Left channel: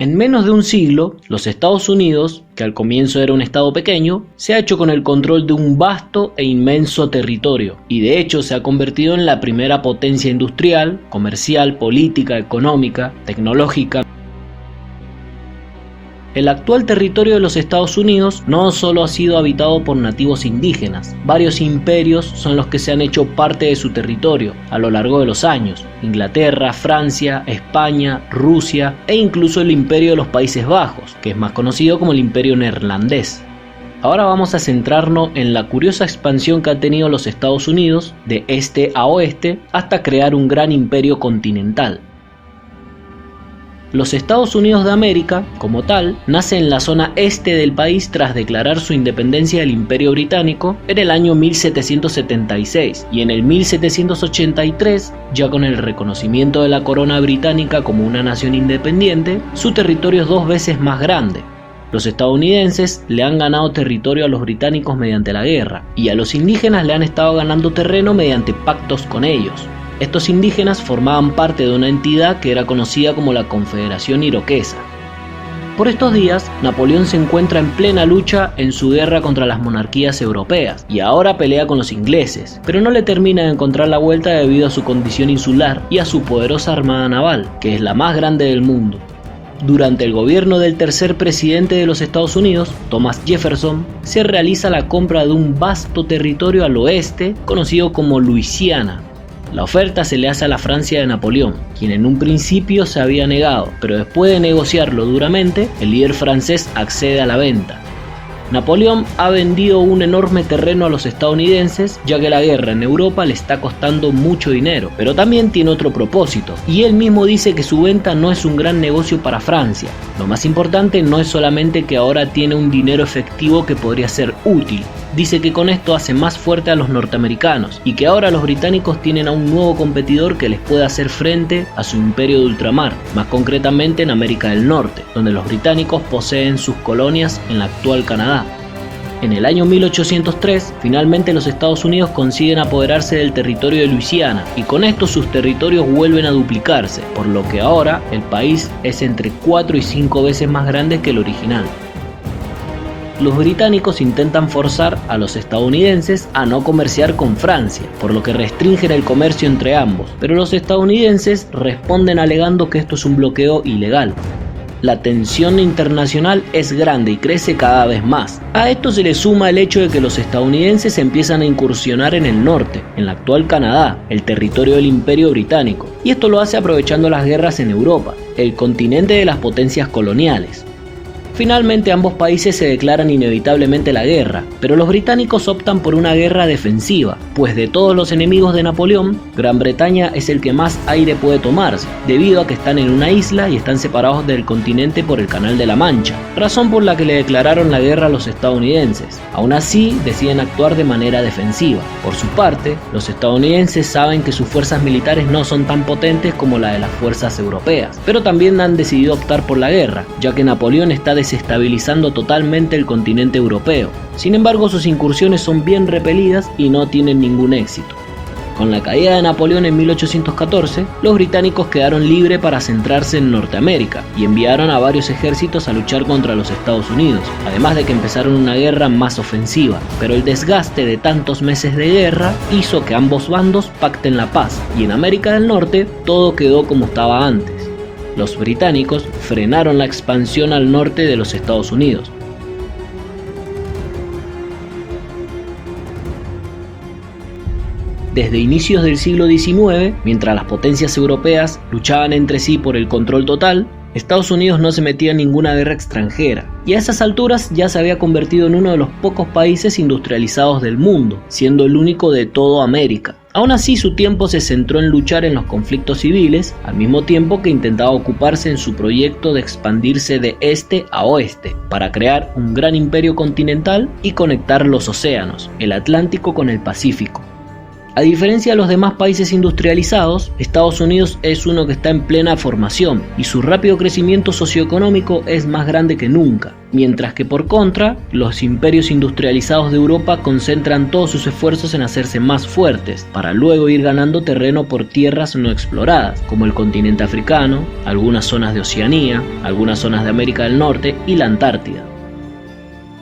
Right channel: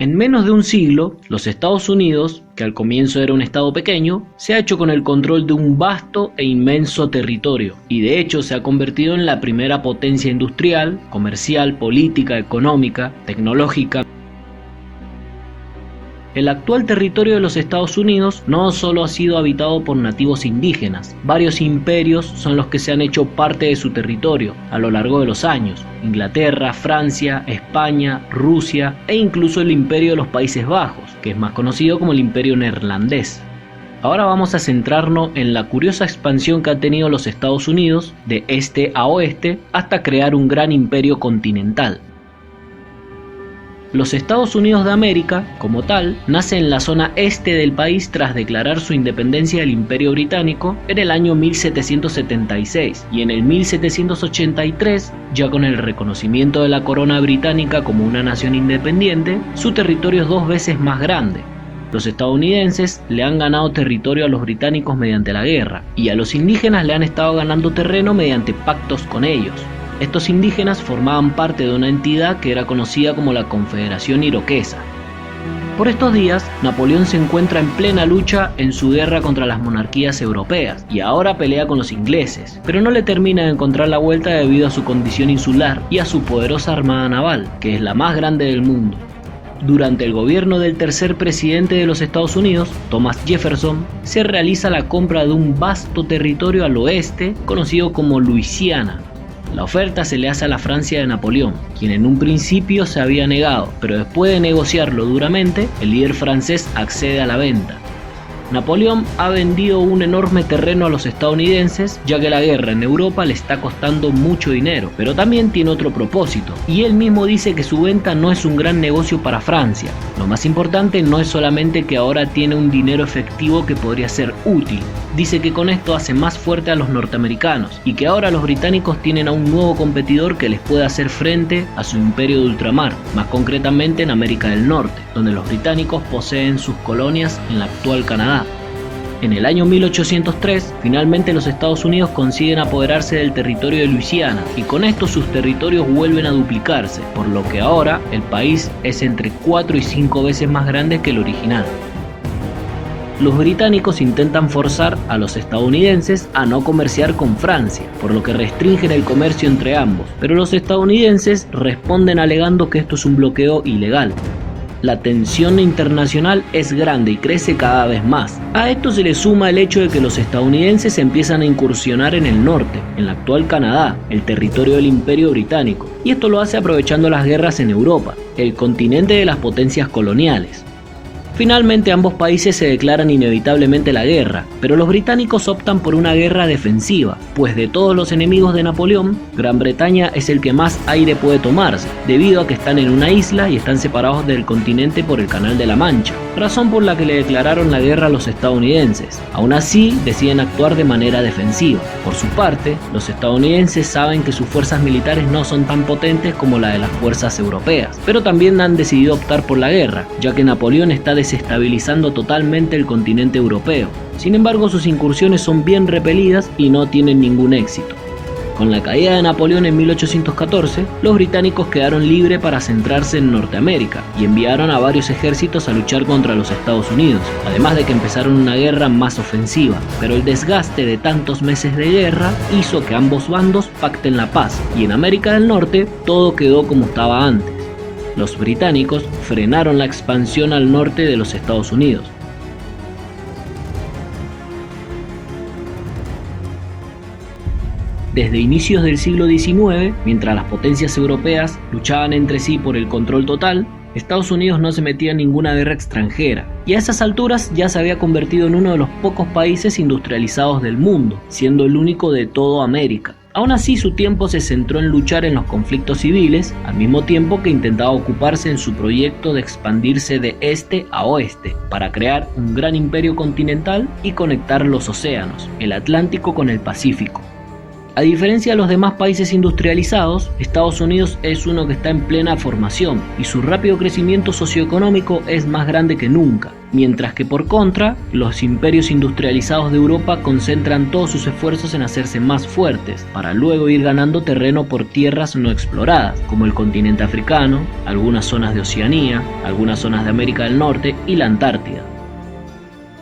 En menos de un siglo, los Estados Unidos, que al comienzo era un estado pequeño, se ha hecho con el control de un vasto e inmenso territorio, y de hecho se ha convertido en la primera potencia industrial, comercial, política, económica, tecnológica. El actual territorio de los Estados Unidos no solo ha sido habitado por nativos indígenas, varios imperios son los que se han hecho parte de su territorio a lo largo de los años: Inglaterra, Francia, España, Rusia e incluso el Imperio de los Países Bajos, que es más conocido como el Imperio Neerlandés. Ahora vamos a centrarnos en la curiosa expansión que han tenido los Estados Unidos de este a oeste hasta crear un gran imperio continental. Los Estados Unidos de América, como tal, nace en la zona este del país tras declarar su independencia del Imperio Británico en el año 1776, y en el 1783, ya con el reconocimiento de la corona británica como una nación independiente, su territorio es 2 veces más grande. Los estadounidenses le han ganado territorio a los británicos mediante la guerra, y a los indígenas le han estado ganando terreno mediante pactos con ellos. Estos indígenas formaban parte de una entidad que era conocida como la Confederación Iroquesa. Por estos días, Napoleón se encuentra en plena lucha en su guerra contra las monarquías europeas y ahora pelea con los ingleses, pero no le termina de encontrar la vuelta debido a su condición insular y a su poderosa armada naval, que es la más grande del mundo. Durante el gobierno del tercer presidente de los Estados Unidos, Thomas Jefferson, se realiza la compra de un vasto territorio al oeste conocido como Luisiana. La oferta se le hace a la Francia de Napoleón, quien en un principio se había negado, pero después de negociarlo duramente, el líder francés accede a la venta. Napoleón ha vendido un enorme terreno a los estadounidenses, ya que la guerra en Europa le está costando mucho dinero, pero también tiene otro propósito, y él mismo dice que su venta no es un gran negocio para Francia. Lo más importante no es solamente que ahora tiene un dinero efectivo que podría ser útil, dice que con esto hace más fuerte a los norteamericanos, y que ahora los británicos tienen a un nuevo competidor que les puede hacer frente a su imperio de ultramar, más concretamente en América del Norte, donde los británicos poseen sus colonias en la actual Canadá. En el año 1803, finalmente los Estados Unidos consiguen apoderarse del territorio de Luisiana, y con esto sus territorios vuelven a duplicarse, por lo que ahora el país es entre 4 y 5 veces más grande que el original. Los británicos intentan forzar a los estadounidenses a no comerciar con Francia, por lo que restringen el comercio entre ambos, pero los estadounidenses responden alegando que esto es un bloqueo ilegal. La tensión internacional es grande y crece cada vez más. A esto se le suma el hecho de que los estadounidenses empiezan a incursionar en el norte, en la actual Canadá, el territorio del Imperio Británico, y esto lo hace aprovechando las guerras en Europa, el continente de las potencias coloniales. Finalmente ambos países se declaran inevitablemente la guerra, pero los británicos optan por una guerra defensiva, pues de todos los enemigos de Napoleón, Gran Bretaña es el que más aire puede tomarse, debido a que están en una isla y están separados del continente por el Canal de la Mancha, razón por la que le declararon la guerra a los estadounidenses. Aún así, deciden actuar de manera defensiva. Por su parte, los estadounidenses saben que sus fuerzas militares no son tan potentes como la de las fuerzas europeas, pero también han decidido optar por la guerra, ya que Napoleón está desestabilizando totalmente el continente europeo. Sin embargo, sus incursiones son bien repelidas y no tienen ningún éxito. Con la caída de Napoleón en 1814, los británicos quedaron libres para centrarse en Norteamérica y enviaron a varios ejércitos a luchar contra los Estados Unidos, además de que empezaron una guerra más ofensiva, pero el desgaste de tantos meses de guerra hizo que ambos bandos pacten la paz, y en América del Norte todo quedó como estaba antes. Los británicos frenaron la expansión al norte de los Estados Unidos. Desde inicios del siglo XIX, mientras las potencias europeas luchaban entre sí por el control total, Estados Unidos no se metía en ninguna guerra extranjera, y a esas alturas ya se había convertido en uno de los pocos países industrializados del mundo, siendo el único de toda América. Aún así, su tiempo se centró en luchar en los conflictos civiles, al mismo tiempo que intentaba ocuparse en su proyecto de expandirse de este a oeste, para crear un gran imperio continental y conectar los océanos, el Atlántico con el Pacífico. A diferencia de los demás países industrializados, Estados Unidos es uno que está en plena formación y su rápido crecimiento socioeconómico es más grande que nunca. mientras que por contra, los imperios industrializados de Europa concentran todos sus esfuerzos en hacerse más fuertes, para luego ir ganando terreno por tierras no exploradas, como el continente africano, algunas zonas de Oceanía, algunas zonas de América del Norte y la Antártida.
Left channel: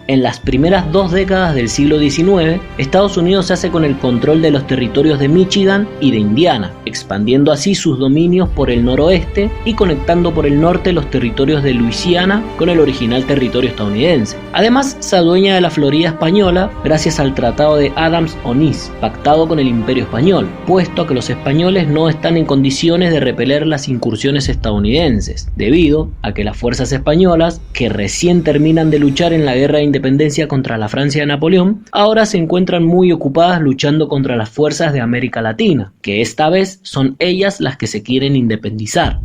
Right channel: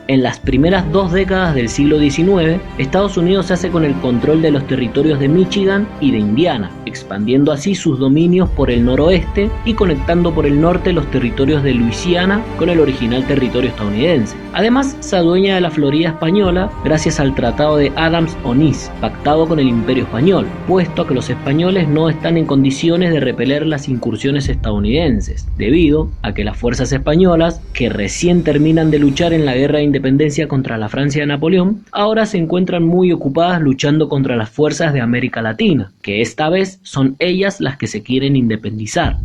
En las primeras 2 décadas del siglo XIX, Estados Unidos se hace con el control de los territorios de Michigan y de Indiana, expandiendo así sus dominios por el noroeste y conectando por el norte los territorios de Luisiana con el original territorio estadounidense. Además, se adueña de la Florida española gracias al Tratado de Adams-Onís, pactado con el Imperio Español, puesto a que los españoles no están en condiciones de repeler las incursiones estadounidenses, debido a que las fuerzas españolas, que recién terminan de luchar en la guerra de independencia contra la Francia de Napoleón, ahora se encuentran muy ocupadas luchando contra las fuerzas de América Latina, que esta vez son ellas las que se quieren independizar.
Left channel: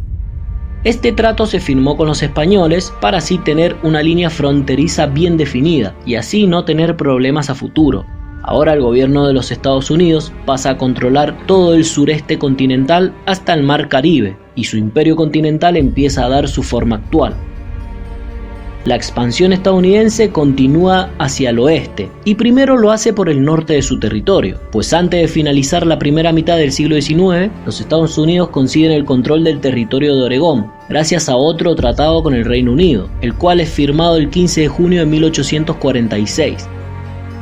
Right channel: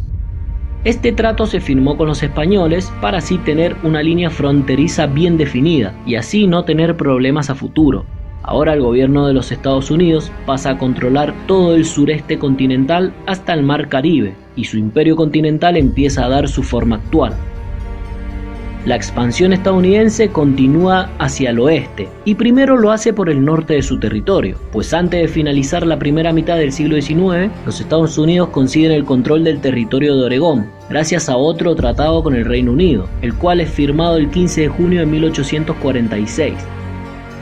Este trato se firmó con los españoles para así tener una línea fronteriza bien definida y así no tener problemas a futuro. Ahora el gobierno de los Estados Unidos pasa a controlar todo el sureste continental hasta el mar Caribe, y su imperio continental empieza a dar su forma actual. La expansión estadounidense continúa hacia el oeste y primero lo hace por el norte de su territorio, pues antes de finalizar la primera mitad del siglo XIX, los Estados Unidos consiguen el control del territorio de Oregón, gracias a otro tratado con el Reino Unido, el cual es firmado el 15 de junio de 1846.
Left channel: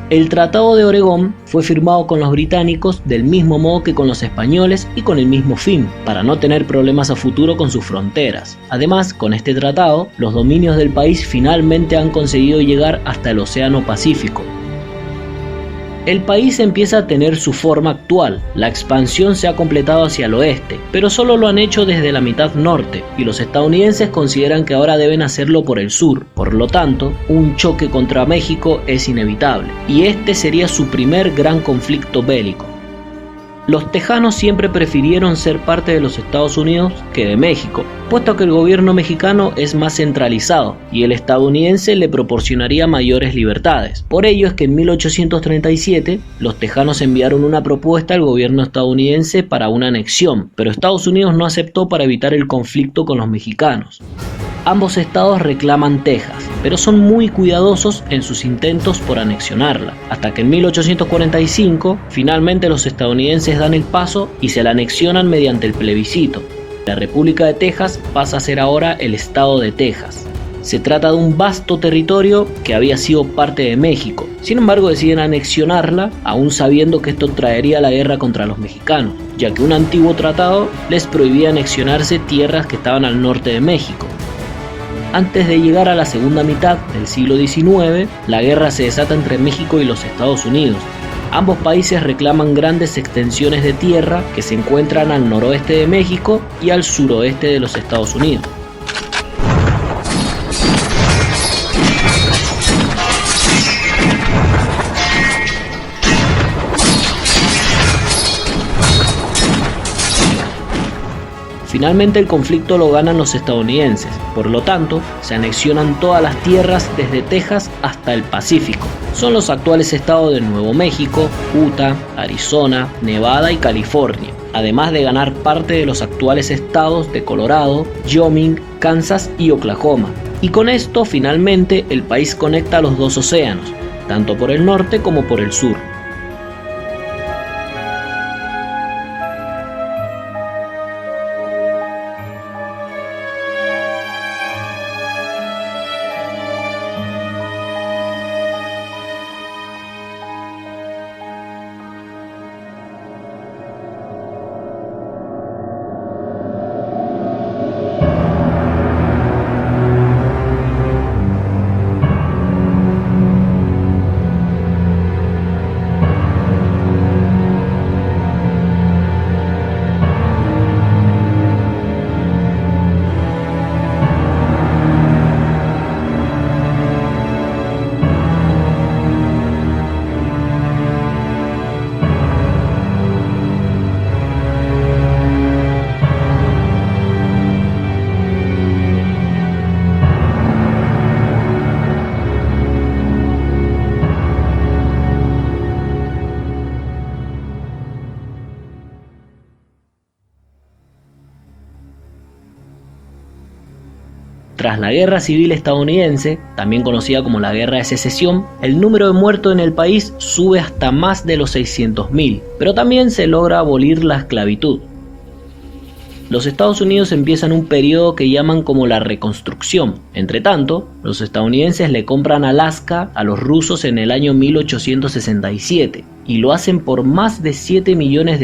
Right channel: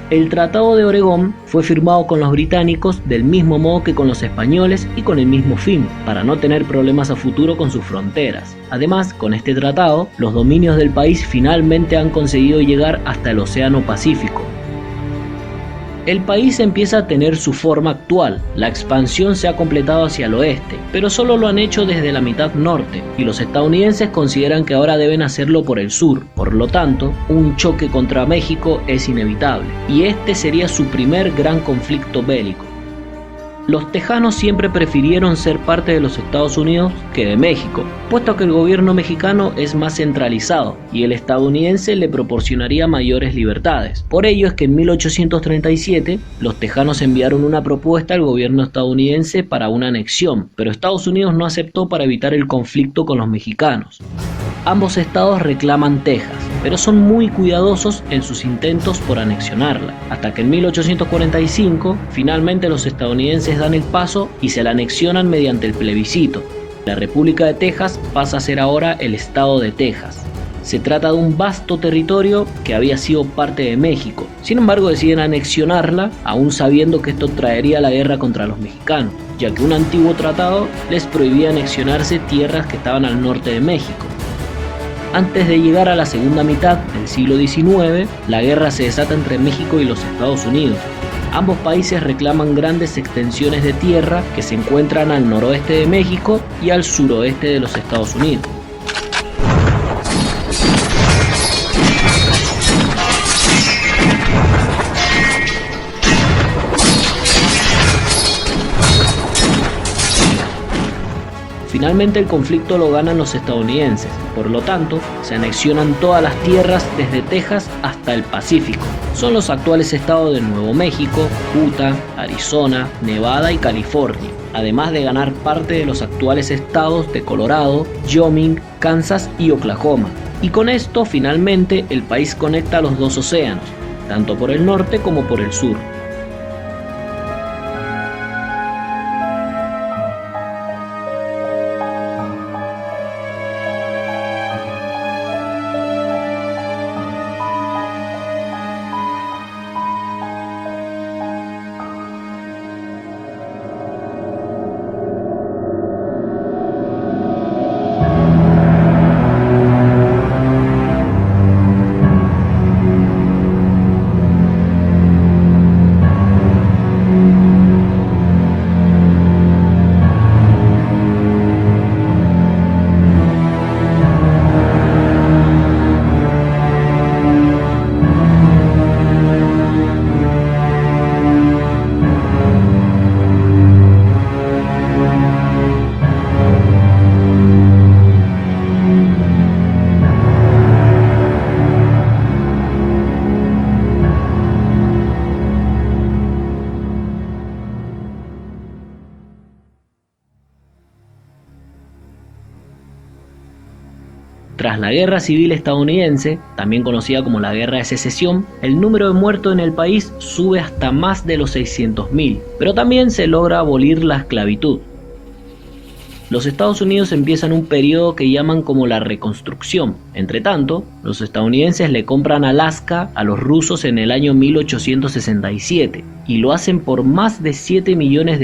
El Tratado de Oregón fue firmado con los británicos del mismo modo que con los españoles y con el mismo fin, para no tener problemas a futuro con sus fronteras. Además, con este tratado, los dominios del país finalmente han conseguido llegar hasta el Océano Pacífico. El país empieza a tener su forma actual, la expansión se ha completado hacia el oeste, pero solo lo han hecho desde la mitad norte, y los estadounidenses consideran que ahora deben hacerlo por el sur. Por lo tanto, un choque contra México es inevitable, y este sería su primer gran conflicto bélico. Los tejanos siempre prefirieron ser parte de los Estados Unidos que de México, puesto que el gobierno mexicano es más centralizado y el estadounidense le proporcionaría mayores libertades. Por ello es que en 1837 los tejanos enviaron una propuesta al gobierno estadounidense para una anexión, pero Estados Unidos no aceptó para evitar el conflicto con los mexicanos. Ambos estados reclaman Texas, pero son muy cuidadosos en sus intentos por anexionarla, hasta que en 1845 finalmente los estadounidenses dan el paso y se la anexionan mediante el plebiscito. La República de Texas pasa a ser ahora el estado de Texas. Se trata de un vasto territorio que había sido parte de México. Sin embargo, deciden anexionarla, aún sabiendo que esto traería la guerra contra los mexicanos, ya que un antiguo tratado les prohibía anexionarse tierras que estaban al norte de México. Antes de llegar a la segunda mitad del siglo XIX, la guerra se desata entre México y los Estados Unidos. Ambos países reclaman grandes extensiones de tierra que se encuentran al noroeste de México y al suroeste de los Estados Unidos. Finalmente el conflicto lo ganan los estadounidenses, por lo tanto se anexionan todas las tierras desde Texas hasta el Pacífico. Son los actuales estados de Nuevo México, Utah, Arizona, Nevada y California, además de ganar parte de los actuales estados de Colorado, Wyoming, Kansas y Oklahoma. Y con esto finalmente el país conecta los dos océanos, tanto por el norte como por el sur. Tras la Guerra Civil Estadounidense, también conocida como la Guerra de Secesión, el número de muertos en el país sube hasta más de los 600.000, pero también se logra abolir la esclavitud. Los Estados Unidos empiezan un periodo que llaman como la reconstrucción. Entretanto, los estadounidenses le compran Alaska a los rusos en el año 1867 y lo hacen por más de $7 millones.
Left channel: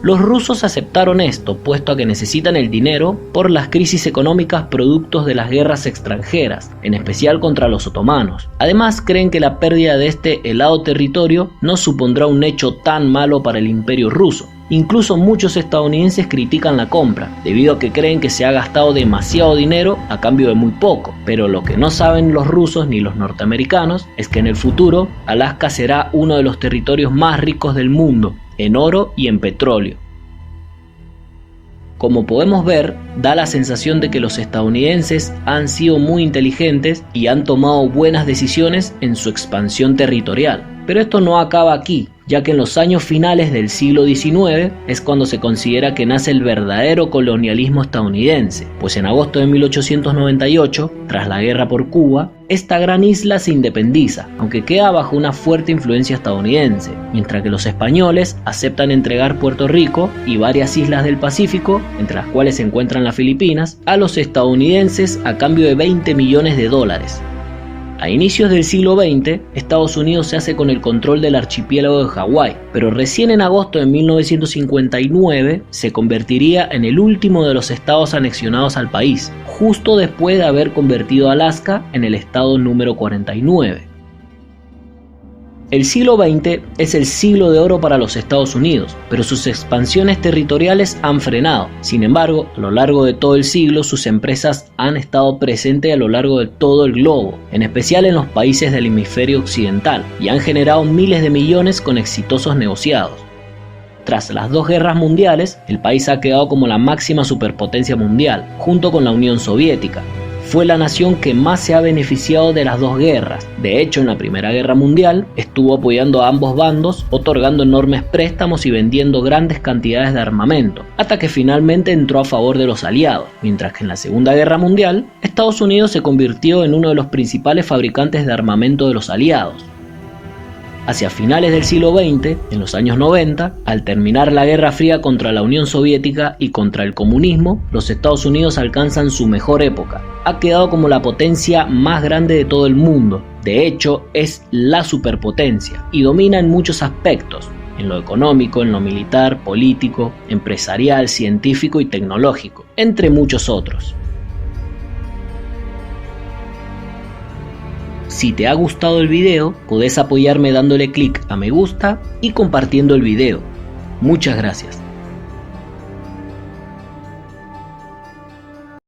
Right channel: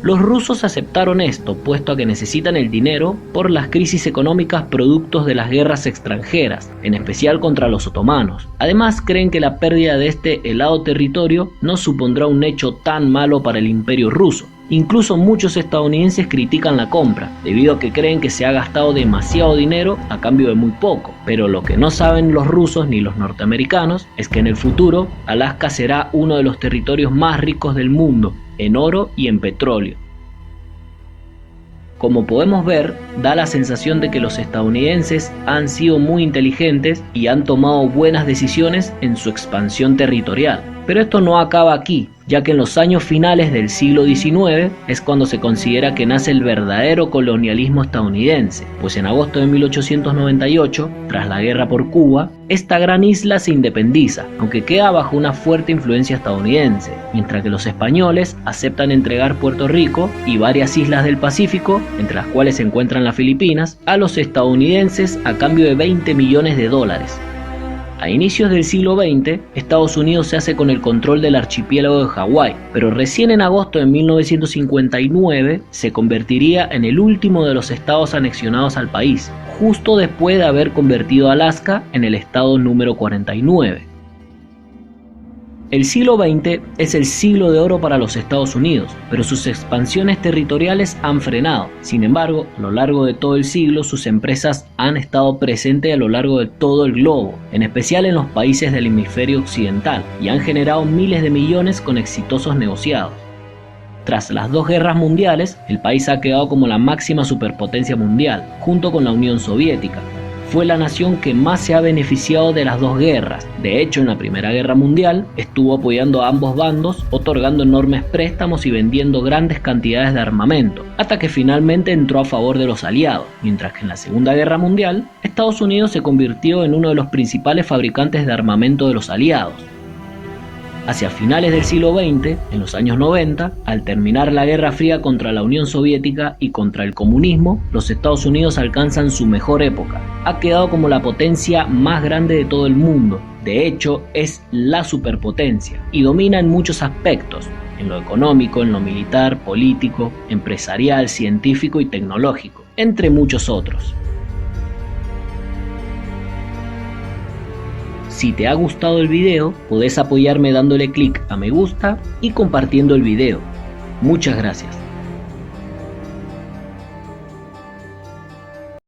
Los rusos aceptaron esto, puesto a que necesitan el dinero por las crisis económicas productos de las guerras extranjeras, en especial contra los otomanos. Además, creen que la pérdida de este helado territorio no supondrá un hecho tan malo para el imperio ruso. Incluso muchos estadounidenses critican la compra, debido a que creen que se ha gastado demasiado dinero a cambio de muy poco. Pero lo que no saben los rusos ni los norteamericanos es que en el futuro Alaska será uno de los territorios más ricos del mundo, en oro y en petróleo. Como podemos ver, da la sensación de que los estadounidenses han sido muy inteligentes y han tomado buenas decisiones en su expansión territorial. Pero esto no acaba aquí, ya que en los años finales del siglo XIX es cuando se considera que nace el verdadero colonialismo estadounidense, pues en agosto de 1898, tras la guerra por Cuba, esta gran isla se independiza, aunque queda bajo una fuerte influencia estadounidense, mientras que los españoles aceptan entregar Puerto Rico y varias islas del Pacífico, entre las cuales se encuentran las Filipinas, a los estadounidenses a cambio de $20 millones. A inicios del siglo XX, Estados Unidos se hace con el control del archipiélago de Hawái, pero recién en agosto de 1959 se convertiría en el último de los estados anexionados al país, justo después de haber convertido a Alaska en el estado número 49. El siglo XX es el siglo de oro para los Estados Unidos, pero sus expansiones territoriales han frenado. Sin embargo, a lo largo de todo el siglo, sus empresas han estado presentes a lo largo de todo el globo, en especial en los países del hemisferio occidental, y han generado miles de millones con exitosos negociados. Tras las dos guerras mundiales, el país ha quedado como la máxima superpotencia mundial, junto con la Unión Soviética. Fue la nación que más se ha beneficiado de las dos guerras. De hecho, en la Primera Guerra Mundial estuvo apoyando a ambos bandos, otorgando enormes préstamos y vendiendo grandes cantidades de armamento, hasta que finalmente entró a favor de los aliados, mientras que en la Segunda Guerra Mundial, Estados Unidos se convirtió en uno de los principales fabricantes de armamento de los aliados. Hacia finales del siglo XX, en los años 90, al terminar la Guerra Fría contra la Unión Soviética y contra el comunismo, los Estados Unidos alcanzan su mejor época. Ha quedado como la potencia más grande de todo el mundo. De hecho, es la superpotencia y domina en muchos aspectos, en lo económico, en lo militar, político, empresarial, científico y tecnológico, entre muchos otros. Si te ha gustado el video, podés apoyarme dándole clic a me gusta y compartiendo el video. Muchas gracias.